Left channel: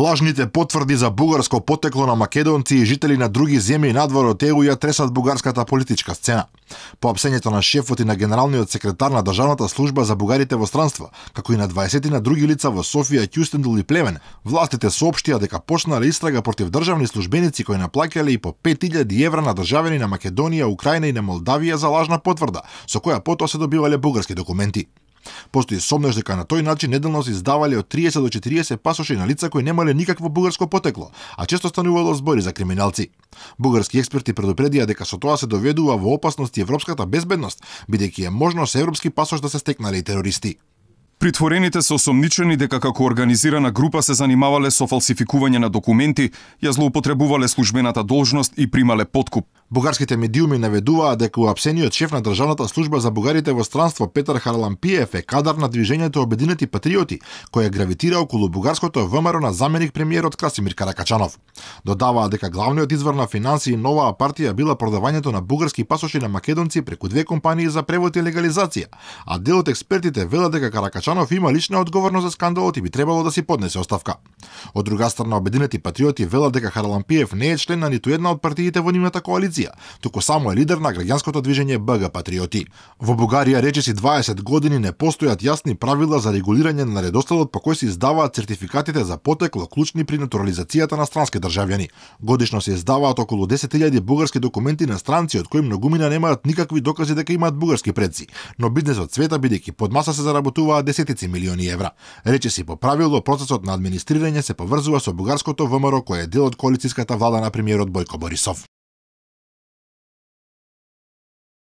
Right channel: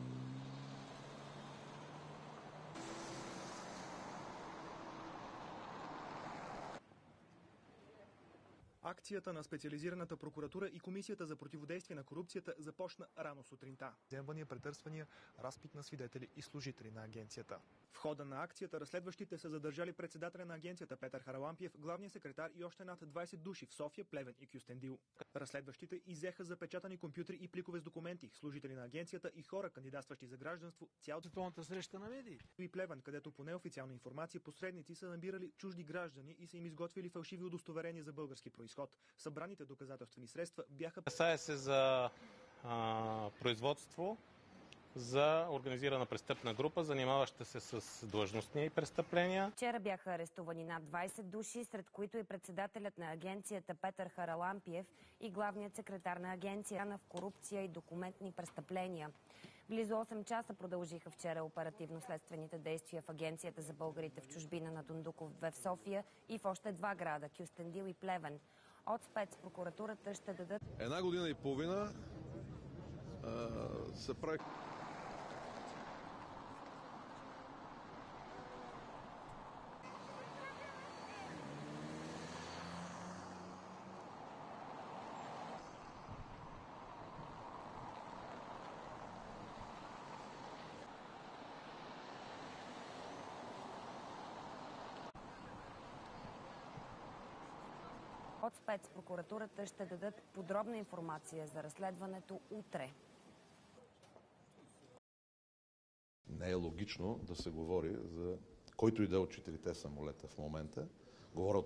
Лажните потврди за бугарско потекло на македонци и жители на други земји надвор од ЕУ ја тресат бугарската политичка сцена. По опсењето на шефот и на генералниот секретар на Државната служба за бугарите во странство, како и на 20 на други лица во Софија, Ќустендул и Плевен, властите соопштија дека почнале истрага против државни службеници кои наплаќале и по 5000 евра на државјани на Македонија, Украина и на Молдавија за лажна потврда, со која потоа се добивале бугарски документи. Постои сомнеж дека на тој начин неделно се издавале од 30 до 40 пасоши на лица кои немале никакво бугарско потекло, а често станувало збори за криминалци. Бугарски експерти предупредија дека со тоа се доведува во опасност и европската безбедност, бидејќи е можно со европски пасош да се стекнале и терористи. Притворените се осомничени дека како организирана група се занимавале со фалсификување на документи, ја злоупотребувале службената должност и примале подкуп. Бугарските медиуми наведуваат дека уапсениот шеф на Државната служба за бугарите во странство Петар Харалампиев е кадар на движењето Обединети патриоти, кој гравитира околу бугарското ВМРО на заменик премиерот Красимир Каракачанов. Додаваат дека главниот извор на финансии новаа партија била продавањето на бугарски пасоши на македонци преку две компании за превод и легализација, а дел од експертите велат дека Каракачанов има лична одговорност за скандалот и би требало да си поднесе оставка. Од друга страна, Обединети патриоти велат дека Харалампиев не е член на ниту една од партиите во нивната коалиција, туку само е лидер на граѓанското движење БГ Патриоти. Во Бугарија речиси 20 години не постојат јасни правила за регулирање на редоследот по кој се издаваат сертификатите за потекло клучни при натурализацијата на странски државјани. Годишно се издаваат околу 10.000 бугарски документи на странци од кои многумина немаат никакви докази дека имаат бугарски предци, но бизнесот цвета бидејќи под маса се заработуваат десетици милиони евра. Речиси по правило процесот на администрирање се поврзува со бугарското ВМРО кој е дел од коалицијската влада на премиерот Бојко Борисов. Којто и да од 4 самолета в момента говорат